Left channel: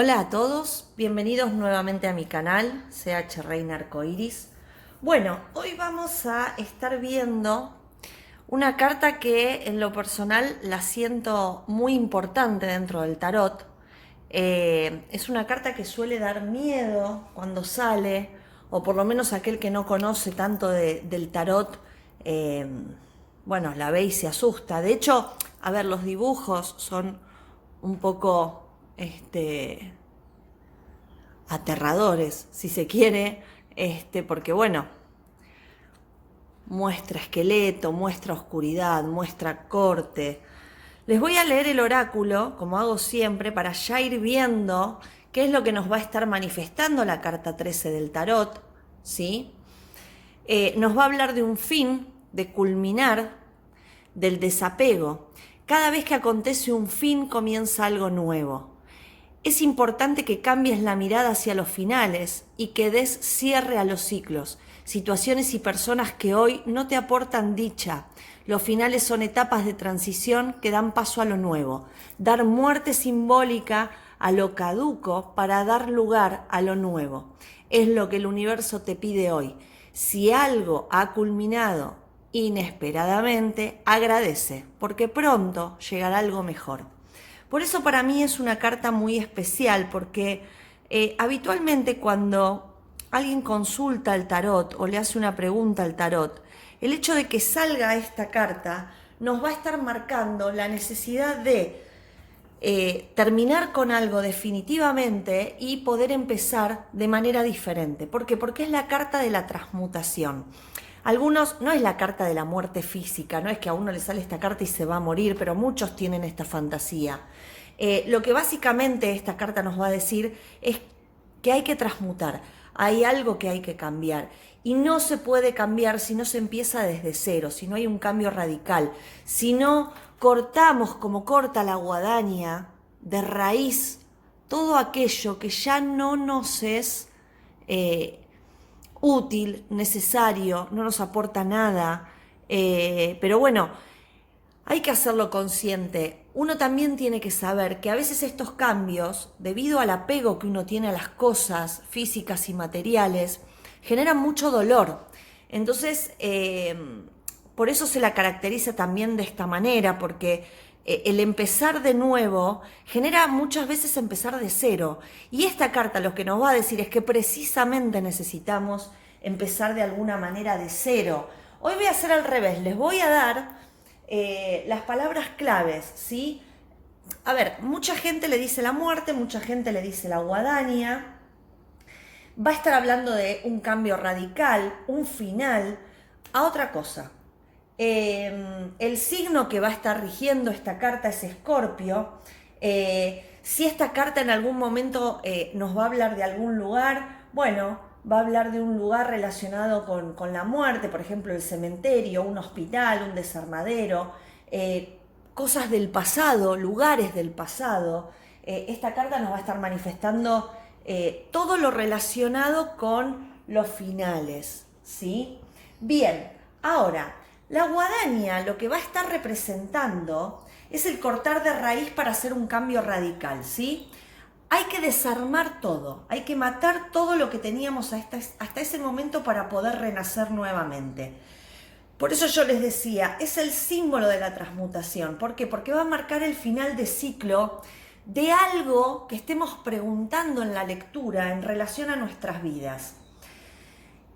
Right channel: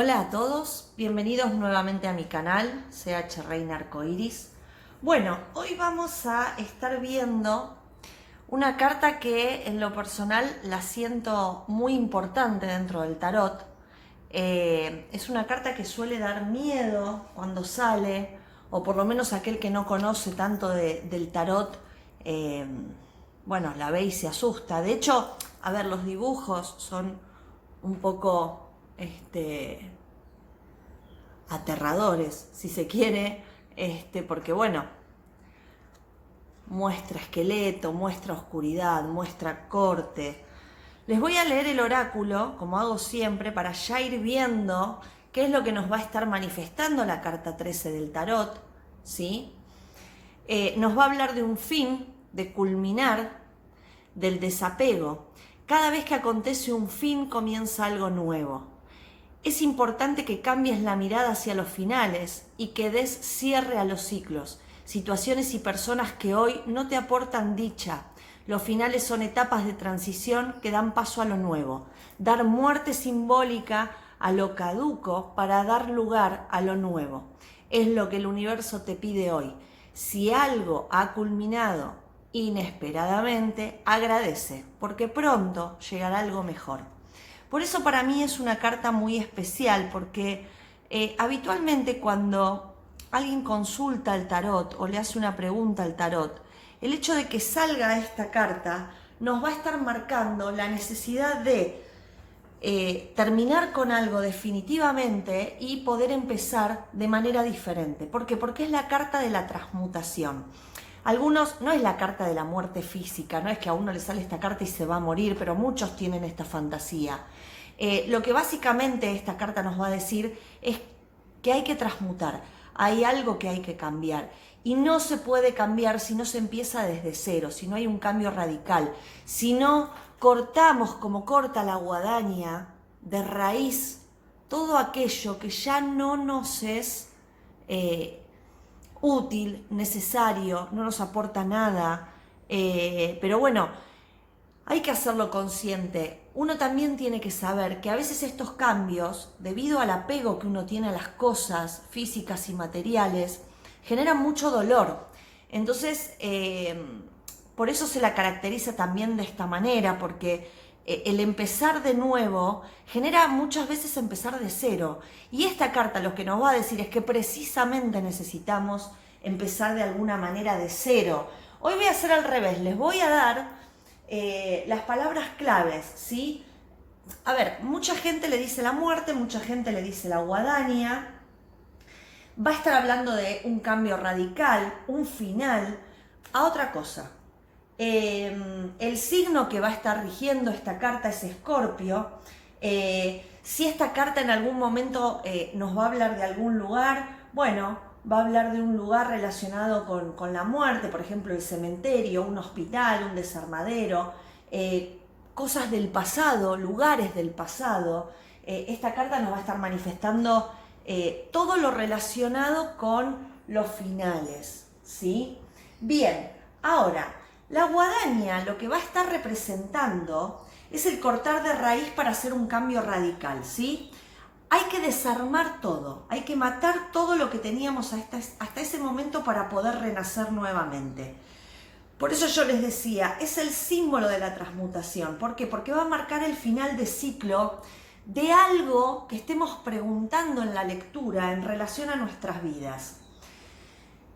Hola a todos, bienvenidos nuevamente a mi canal, CH Reina Arcoiris. Bueno, hoy vamos a estar viendo una carta que en lo personal la siento muy importante dentro del tarot. Es una carta que suele dar miedo cuando sale, o por lo menos aquel que no conoce tanto del tarot, eh, bueno, la ve y se asusta. De hecho, a ver, los dibujos son un poco, aterradores, si se quiere, porque bueno, muestra esqueleto, muestra oscuridad, muestra corte. Les voy a leer el oráculo, como hago siempre, para ya ir viendo qué es lo que nos va a estar manifestando la carta 13 del tarot, ¿sí? Nos va a hablar de un fin, de culminar, del desapego. Cada vez que acontece un fin comienza algo nuevo. Es importante que cambies la mirada hacia los finales y que des cierre a los ciclos, situaciones y personas que hoy no te aportan dicha. Los finales son etapas de transición que dan paso a lo nuevo. Dar muerte simbólica a lo caduco para dar lugar a lo nuevo. Es lo que el universo te pide hoy. Si algo ha culminado inesperadamente, agradece, porque pronto llegará algo mejor. Por eso para mí es una carta muy especial, porque habitualmente cuando alguien consulta el tarot o le hace una pregunta al tarot, el hecho de que salga esta carta nos va a estar marcando la necesidad de terminar con algo definitivamente y poder empezar de manera diferente. ¿Por qué? Porque es la carta de la transmutación. Algunos, no es la carta de la muerte física, no es que a uno le sale esta carta y se va a morir, pero muchos tienen esta fantasía. Lo que básicamente esta carta nos va a decir es que hay que transmutar, hay algo que hay que cambiar. Y no se puede cambiar si no se empieza desde cero, si no hay un cambio radical, si no cortamos como corta la guadaña de raíz todo aquello que ya no nos es útil, necesario, no nos aporta nada. Pero bueno, hay que hacerlo consciente. Uno también tiene que saber que a veces estos cambios, debido al apego que uno tiene a las cosas físicas y materiales, generan mucho dolor. Entonces, por eso se la caracteriza también de esta manera, porque el empezar de nuevo genera muchas veces empezar de cero. Y esta carta lo que nos va a decir es que precisamente necesitamos empezar de alguna manera de cero. Hoy voy a hacer al revés, les voy a dar las palabras claves, ¿sí? A ver, mucha gente le dice la muerte, mucha gente le dice la guadaña. Va a estar hablando de un cambio radical, un final, a otra cosa. El signo que va a estar rigiendo esta carta es Escorpio. Si esta carta en algún momento nos va a hablar de algún lugar, bueno, va a hablar de un lugar relacionado con la muerte, por ejemplo el cementerio, un hospital, un desarmadero, cosas del pasado, lugares del pasado. Esta carta nos va a estar manifestando todo lo relacionado con los finales, ¿sí? Bien, ahora, la guadaña lo que va a estar representando es el cortar de raíz para hacer un cambio radical, ¿sí? Hay que desarmar todo, hay que matar todo lo que teníamos hasta ese momento para poder renacer nuevamente. Por eso yo les decía, es el símbolo de la transmutación. ¿Por qué? Porque va a marcar el final de ciclo de algo que estemos preguntando en la lectura en relación a nuestras vidas.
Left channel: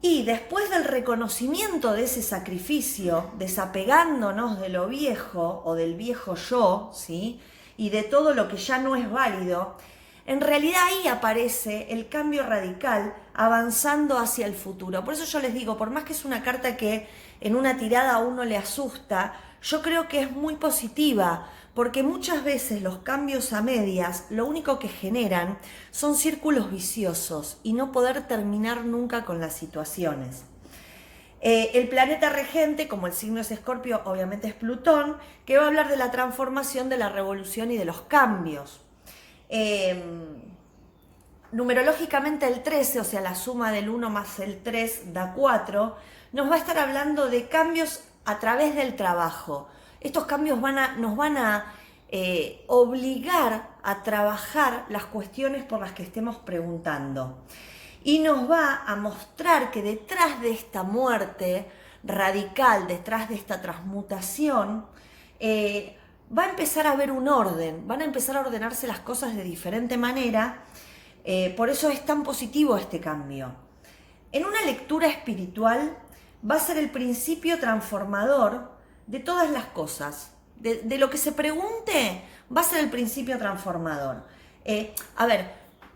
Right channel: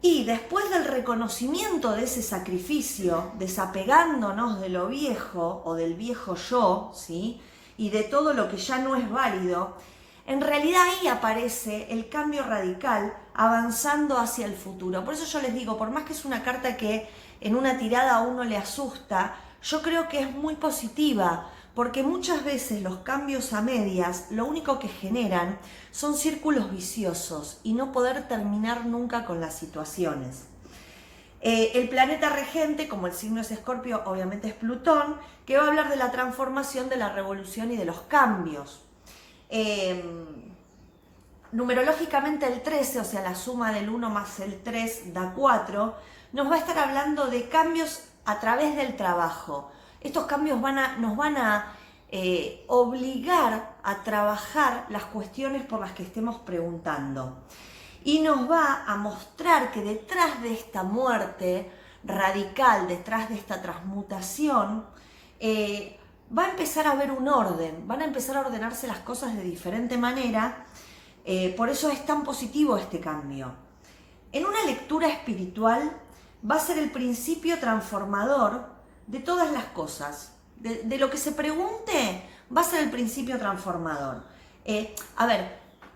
Y después del reconocimiento de ese sacrificio, desapegándonos de lo viejo o del viejo yo, ¿sí? Y de todo lo que ya no es válido, en realidad ahí aparece el cambio radical avanzando hacia el futuro. Por eso yo les digo, por más que es una carta que en una tirada a uno le asusta, yo creo que es muy positiva, porque muchas veces los cambios a medias lo único que generan son círculos viciosos y no poder terminar nunca con las situaciones. El planeta regente, como el signo es Escorpio, obviamente es Plutón, que va a hablar de la transformación, de la revolución y de los cambios. Numerológicamente el 13, o sea la suma del 1 más el 3 da 4, nos va a estar hablando de cambios a través del trabajo. Estos cambios nos van a obligar a trabajar las cuestiones por las que estemos preguntando. Y nos va a mostrar que detrás de esta muerte radical, detrás de esta transmutación, va a empezar a haber un orden, van a empezar a ordenarse las cosas de diferente manera. Por eso es tan positivo este cambio. En una lectura espiritual va a ser el principio transformador de todas las cosas. De lo que se pregunte, va a ser el principio transformador.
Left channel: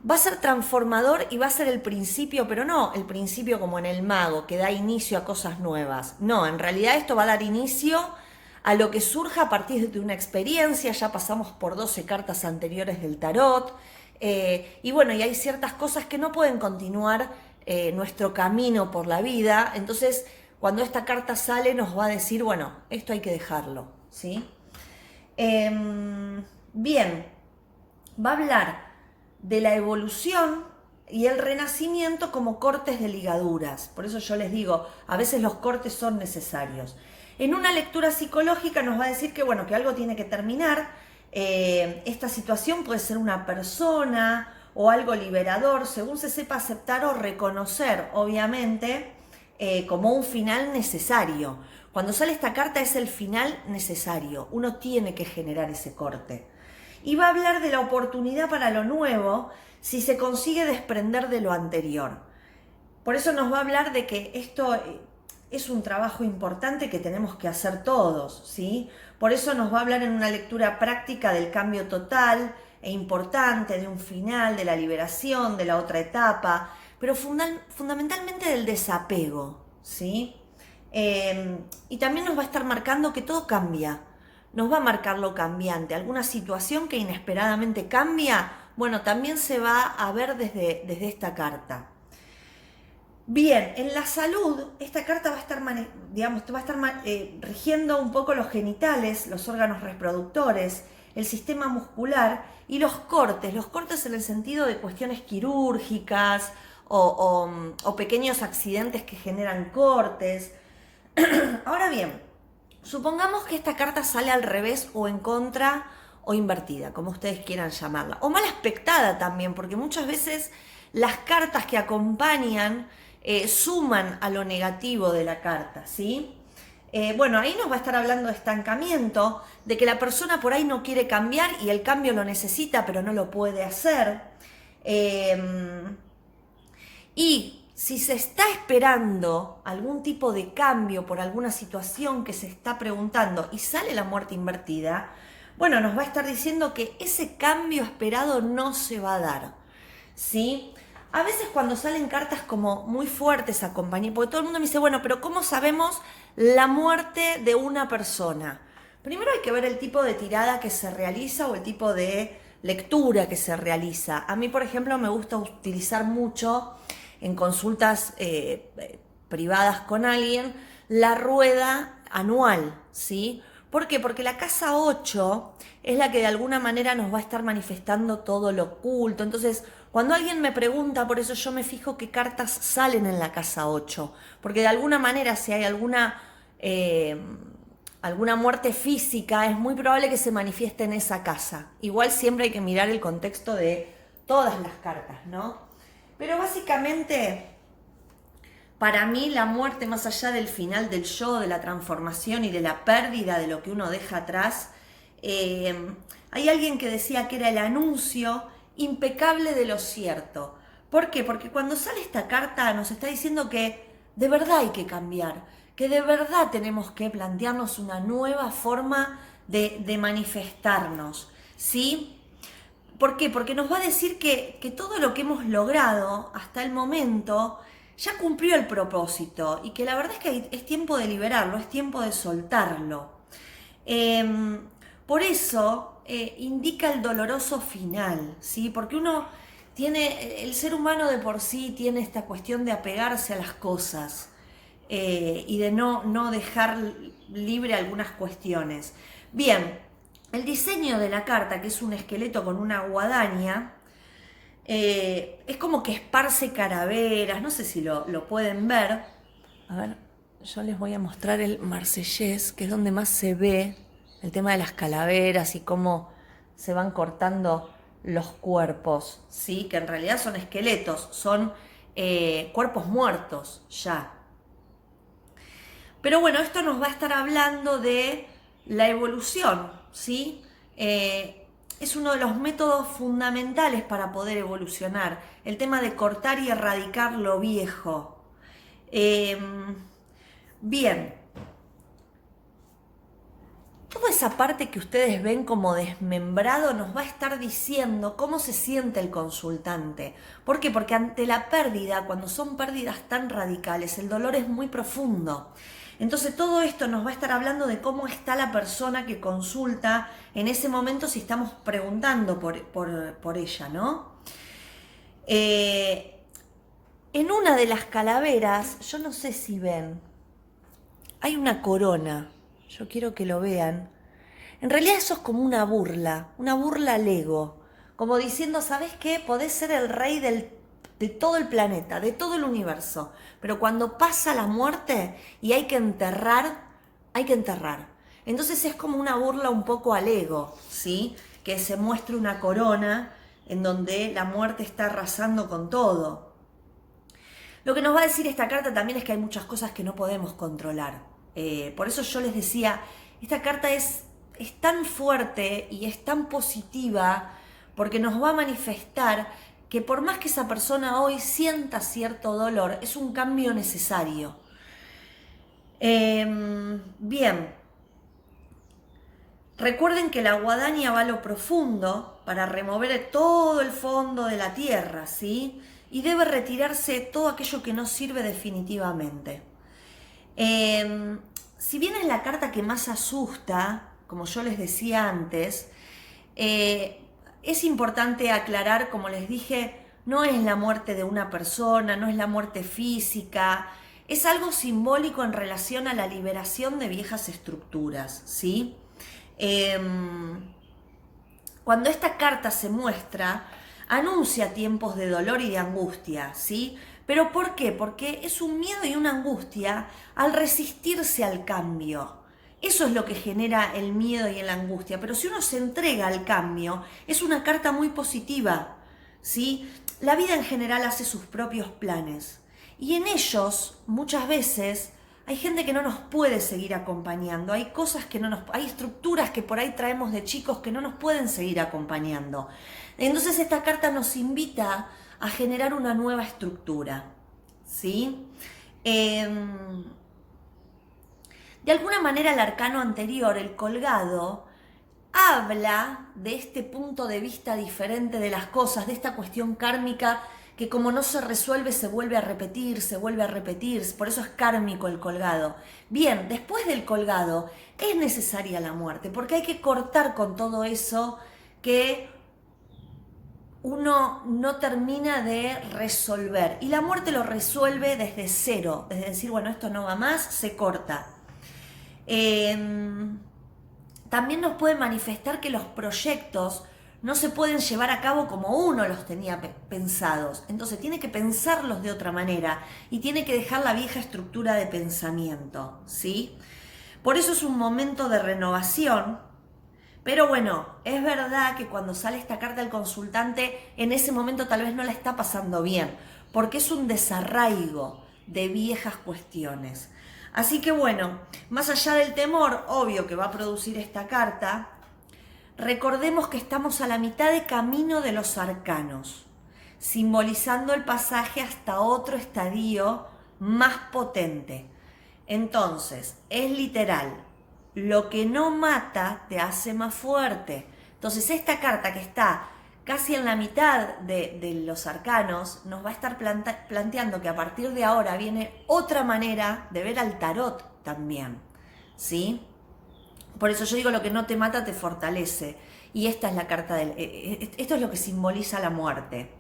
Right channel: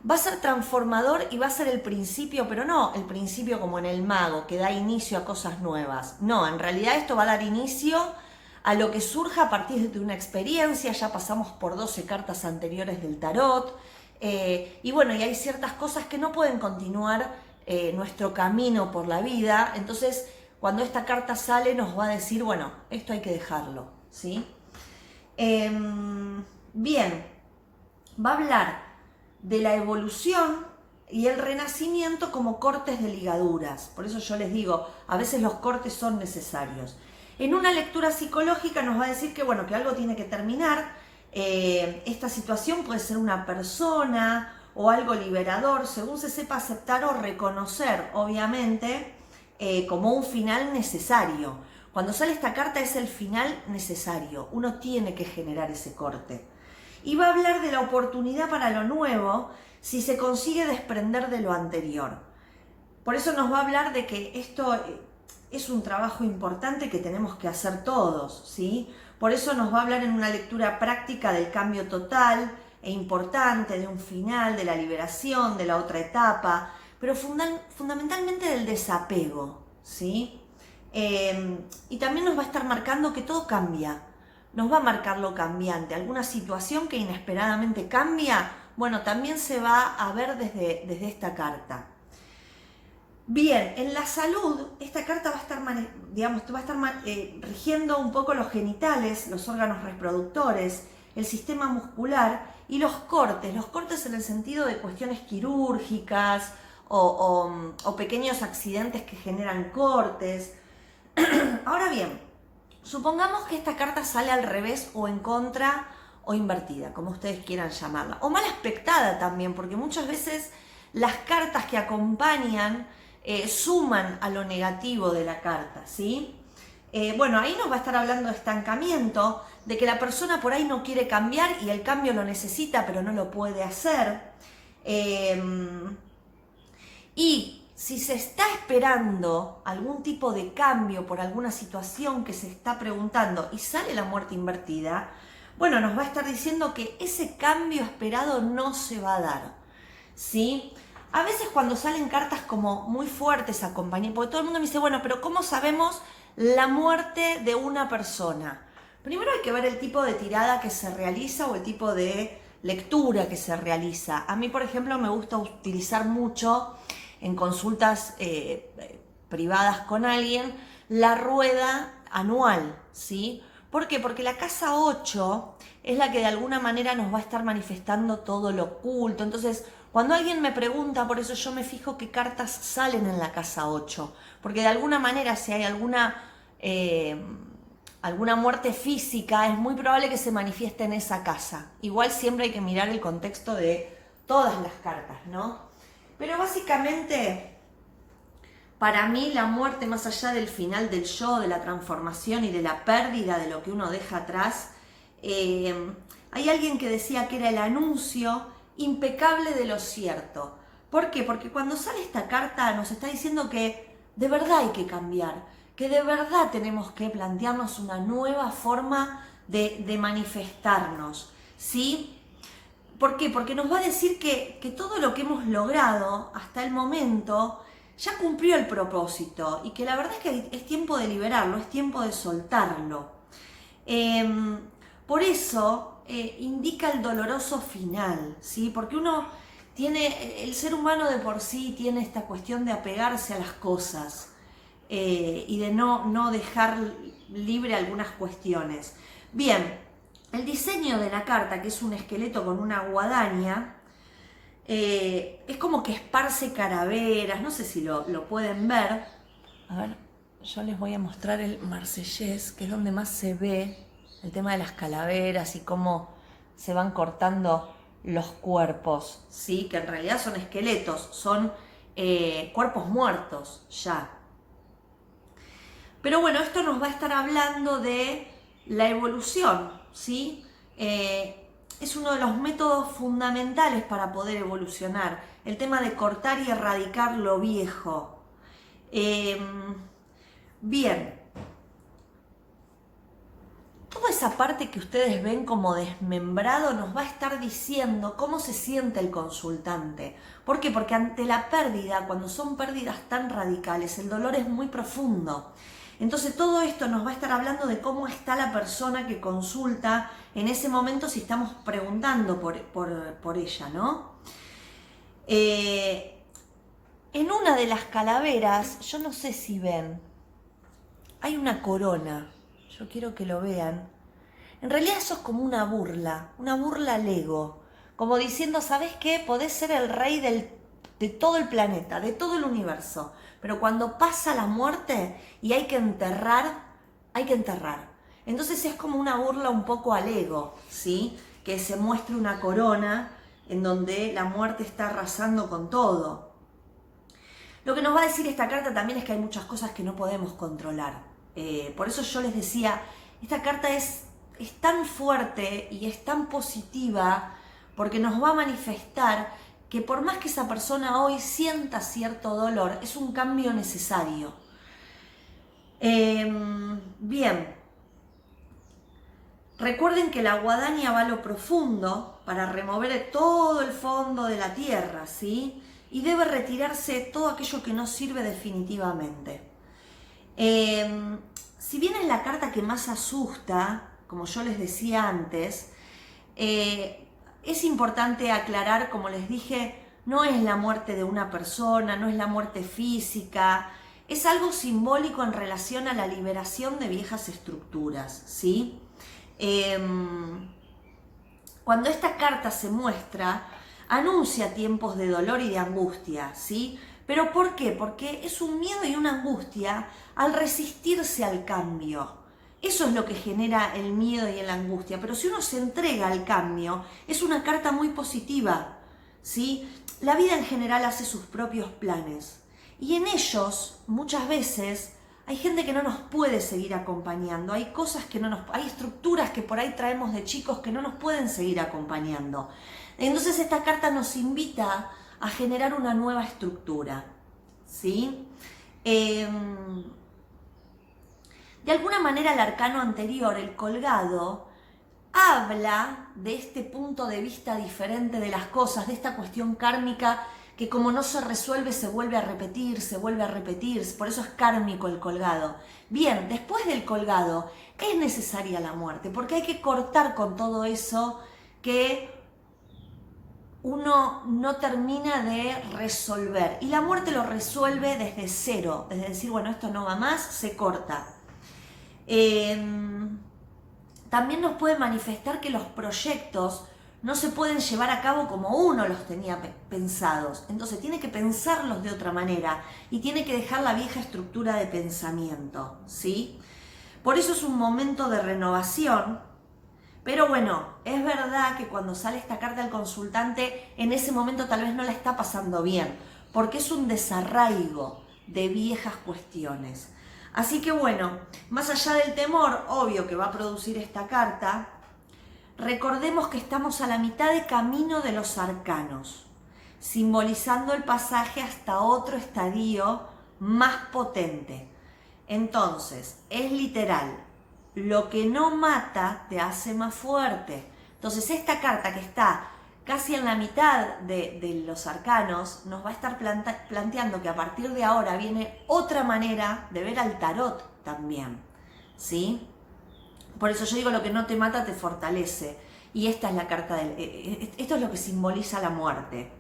Va a ser transformador y va a ser el principio, pero no el principio como en el mago, que da inicio a cosas nuevas. No, en realidad esto va a dar inicio a lo que surja a partir de una experiencia. Ya pasamos por 12 cartas anteriores del tarot. Y bueno, y hay ciertas cosas que no pueden continuar nuestro camino por la vida. Entonces, cuando esta carta sale, nos va a decir, bueno, esto hay que dejarlo, ¿sí? Bien, va a hablar de la evolución y el renacimiento como cortes de ligaduras. Por eso yo les digo, a veces los cortes son necesarios. En una lectura psicológica nos va a decir que, bueno, que algo tiene que terminar. Esta situación puede ser una persona o algo liberador, según se sepa aceptar o reconocer, obviamente, como un final necesario. Cuando sale esta carta es el final necesario. Uno tiene que generar ese corte. Y va a hablar de la oportunidad para lo nuevo si se consigue desprender de lo anterior. Por eso nos va a hablar de que esto es un trabajo importante que tenemos que hacer todos, ¿sí? Por eso nos va a hablar en una lectura práctica del cambio total e importante, de un final, de la liberación, de la otra etapa, pero fundamentalmente del desapego, ¿sí? Y también nos va a estar marcando que todo cambia. Nos va a marcar lo cambiante. Alguna situación que inesperadamente cambia, bueno, también se va a ver desde esta carta. Bien, en la salud, esta carta va a estar, rigiendo un poco los genitales, los órganos reproductores, el sistema muscular y los cortes en el sentido de cuestiones quirúrgicas o pequeños accidentes que generan cortes. Ahora bien, supongamos que esta carta sale al revés o en contra o invertida, como ustedes quieran llamarla, o mal aspectada también, porque muchas veces las cartas que acompañan suman a lo negativo de la carta, ¿sí? Bueno, ahí nos va a estar hablando de estancamiento, de que la persona por ahí no quiere cambiar y el cambio lo necesita, pero no lo puede hacer. Y si se está esperando algún tipo de cambio por alguna situación que se está preguntando y sale la muerte invertida, bueno, nos va a estar diciendo que ese cambio esperado no se va a dar, ¿sí? A veces cuando salen cartas como muy fuertes acompañadas, porque todo el mundo me dice, bueno, pero ¿cómo sabemos la muerte de una persona? Primero hay que ver el tipo de tirada que se realiza o el tipo de lectura que se realiza. A mí, por ejemplo, me gusta utilizar mucho en consultas privadas con alguien la rueda anual, ¿sí? ¿Por qué? Porque la casa 8 es la que de alguna manera nos va a estar manifestando todo lo oculto. Entonces, cuando alguien me pregunta, por eso yo me fijo qué cartas salen en la casa 8, porque de alguna manera si hay alguna muerte física, es muy probable que se manifieste en esa casa. Igual siempre hay que mirar el contexto de todas las cartas, ¿no? Pero básicamente, para mí la muerte, más allá del final del yo, de la transformación y de la pérdida de lo que uno deja atrás, hay alguien que decía que era el anuncio impecable de lo cierto. ¿Por qué? Porque cuando sale esta carta nos está diciendo que de verdad hay que cambiar, que de verdad tenemos que plantearnos una nueva forma de manifestarnos, ¿sí? ¿Por qué? Porque nos va a decir que todo lo que hemos logrado hasta el momento ya cumplió el propósito y que la verdad es que es tiempo de liberarlo, es tiempo de soltarlo. Por eso indica el doloroso final, ¿sí? Porque uno tiene, el ser humano de por sí tiene esta cuestión de apegarse a las cosas y de no dejar libre algunas cuestiones. Bien, el diseño de la carta, que es un esqueleto con una guadaña, es como que esparce calaveras, no sé si lo pueden ver. A ver, yo les voy a mostrar el marsellés, que es donde más se ve el tema de las calaveras y cómo se van cortando los cuerpos, ¿sí? Que en realidad son esqueletos, son cuerpos muertos ya. Pero bueno, esto nos va a estar hablando de la evolución, ¿sí? Es uno de los métodos fundamentales para poder evolucionar, el tema de cortar y erradicar lo viejo. Bien, toda esa parte que ustedes ven como desmembrado nos va a estar diciendo cómo se siente el consultante. ¿Por qué? Porque ante la pérdida, cuando son pérdidas tan radicales, el dolor es muy profundo. Entonces todo esto nos va a estar hablando de cómo está la persona que consulta en ese momento si estamos preguntando por ella, ¿no? En una de las calaveras, yo no sé si ven, hay una corona. Yo quiero que lo vean. En realidad eso es como una burla al ego. Como diciendo, ¿sabes qué? Podés ser el rey de todo el planeta, de todo el universo. Pero cuando pasa la muerte y hay que enterrar, hay que enterrar. Entonces es como una burla un poco al ego, ¿sí? Que se muestre una corona en donde la muerte está arrasando con todo. Lo que nos va a decir esta carta también es que hay muchas cosas que no podemos controlar. Por eso yo les decía, esta carta es tan fuerte y es tan positiva porque nos va a manifestar que por más que esa persona hoy sienta cierto dolor, es un cambio necesario. Bien, recuerden que la guadaña va a lo profundo para remover todo el fondo de la tierra, ¿sí? Y debe retirarse todo aquello que no sirve definitivamente. Si bien es la carta que más asusta, como yo les decía antes, es importante aclarar, como les dije, no es la muerte de una persona, no es la muerte física, es algo simbólico en relación a la liberación de viejas estructuras, ¿sí? Cuando esta carta se muestra, anuncia tiempos de dolor y de angustia, ¿sí? ¿Pero por qué? Porque es un miedo y una angustia al resistirse al cambio. Eso es lo que genera el miedo y la angustia. Pero si uno se entrega al cambio, es una carta muy positiva, ¿sí? La vida en general hace sus propios planes. Y en ellos, muchas veces, hay gente que no nos puede seguir acompañando, hay cosas que no nos, hay estructuras que por ahí traemos de chicos que no nos pueden seguir acompañando. Entonces esta carta nos invita a generar una nueva estructura, ¿sí? De alguna manera el arcano anterior, el colgado, habla de este punto de vista diferente de las cosas, de esta cuestión kármica que como no se resuelve se vuelve a repetir, por eso es kármico el colgado. Bien, después del colgado es necesaria la muerte, porque hay que cortar con todo eso que uno no termina de resolver. Y la muerte lo resuelve desde cero, es decir, bueno, esto no va más, se corta. También nos puede manifestar que los proyectos no se pueden llevar a cabo como uno los tenía pensados. Entonces tiene que pensarlos de otra manera y tiene que dejar la vieja estructura de pensamiento, ¿sí? Por eso es un momento de renovación. Pero bueno, es verdad que cuando sale esta carta al consultante, en ese momento tal vez no la está pasando bien, porque es un desarraigo de viejas cuestiones. Así que bueno, más allá del temor obvio que va a producir esta carta, recordemos que estamos a la mitad de camino de los arcanos, simbolizando el pasaje hasta otro estadio más potente. Entonces, es literal, lo que no mata te hace más fuerte. Entonces, esta carta que está casi en la mitad de los arcanos nos va a estar planteando que a partir de ahora viene otra manera de ver al tarot también, ¿sí? Por eso yo digo, lo que no te mata te fortalece. Y esta es la carta esto es lo que simboliza la muerte.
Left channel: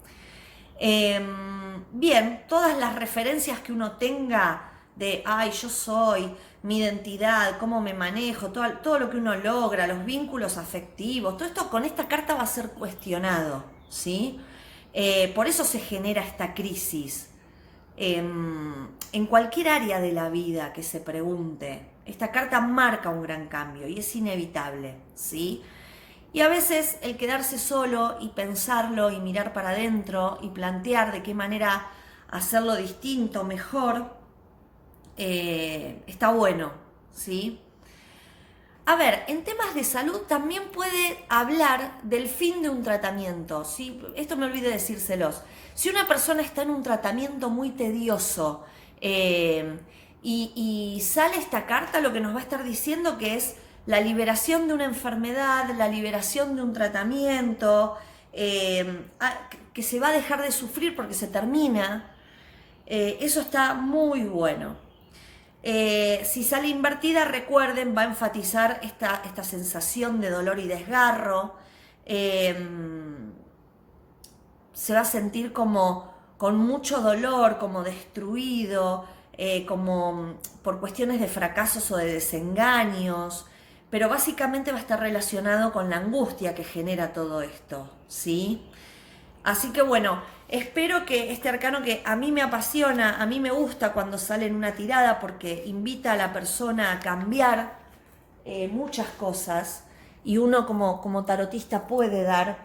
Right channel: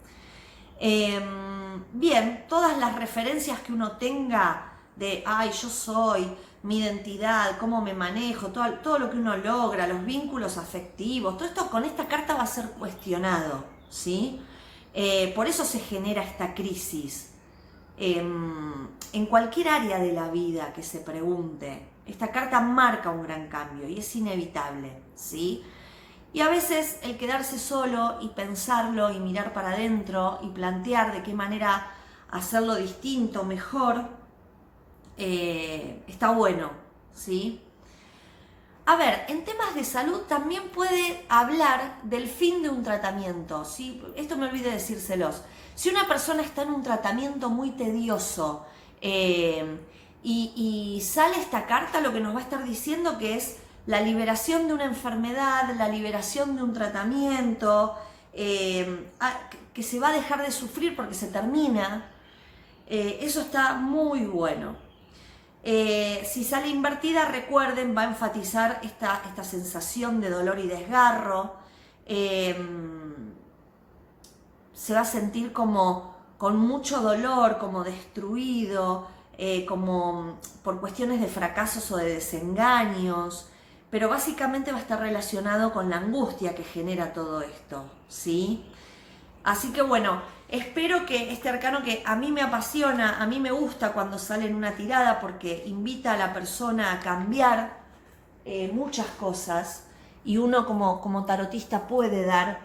Bien, todas las referencias que uno tenga de, ay, yo soy, mi identidad, cómo me manejo, todo lo que uno logra, los vínculos afectivos, todo esto con esta carta va a ser cuestionado, ¿sí? Por eso se genera esta crisis. En cualquier área de la vida que se pregunte, esta carta marca un gran cambio y es inevitable, ¿sí? Y a veces el quedarse solo y pensarlo y mirar para adentro y plantear de qué manera hacerlo distinto, mejor, está bueno, ¿sí? A ver, en temas de salud también puede hablar del fin de un tratamiento, ¿sí? Esto me olvidé decírselos. Si una persona está en un tratamiento muy tedioso y sale esta carta, lo que nos va a estar diciendo que es la liberación de una enfermedad, la liberación de un tratamiento, que se va a dejar de sufrir porque se termina, eso está muy bueno. Si sale invertida, recuerden, va a enfatizar esta sensación de dolor y desgarro. Se va a sentir como con mucho dolor, como destruido, como por cuestiones de fracasos o de desengaños, pero básicamente va a estar relacionado con la angustia que genera todo esto, ¿sí? Así que bueno, espero que este arcano que a mí me apasiona, a mí me gusta cuando sale en una tirada porque invita a la persona a cambiar muchas cosas y uno como tarotista puede dar,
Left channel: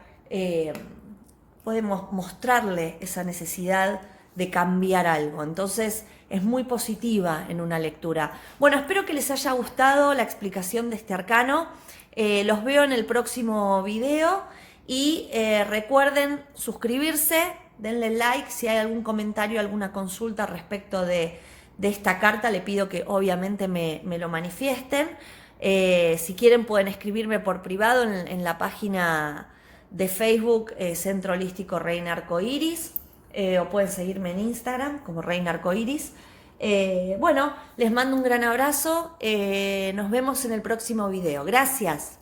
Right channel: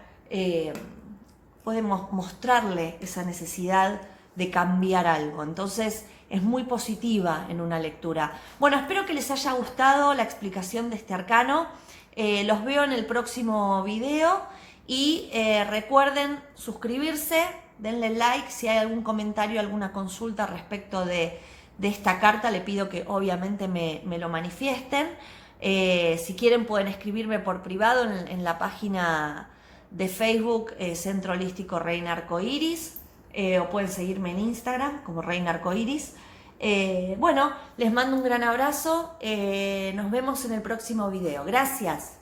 podemos mostrarle esa necesidad de cambiar algo. Entonces es muy positiva en una lectura. Bueno, espero que les haya gustado la explicación de este arcano. Los veo en el próximo video. Y recuerden suscribirse, denle like, si hay algún comentario, alguna consulta respecto de esta carta, le pido que obviamente me lo manifiesten. Si quieren pueden escribirme por privado en la página de Facebook Centro Holístico Reina Arcoiris, o pueden seguirme en Instagram como Reina Arcoiris. Bueno, les mando un gran abrazo, nos vemos en el próximo video. Gracias.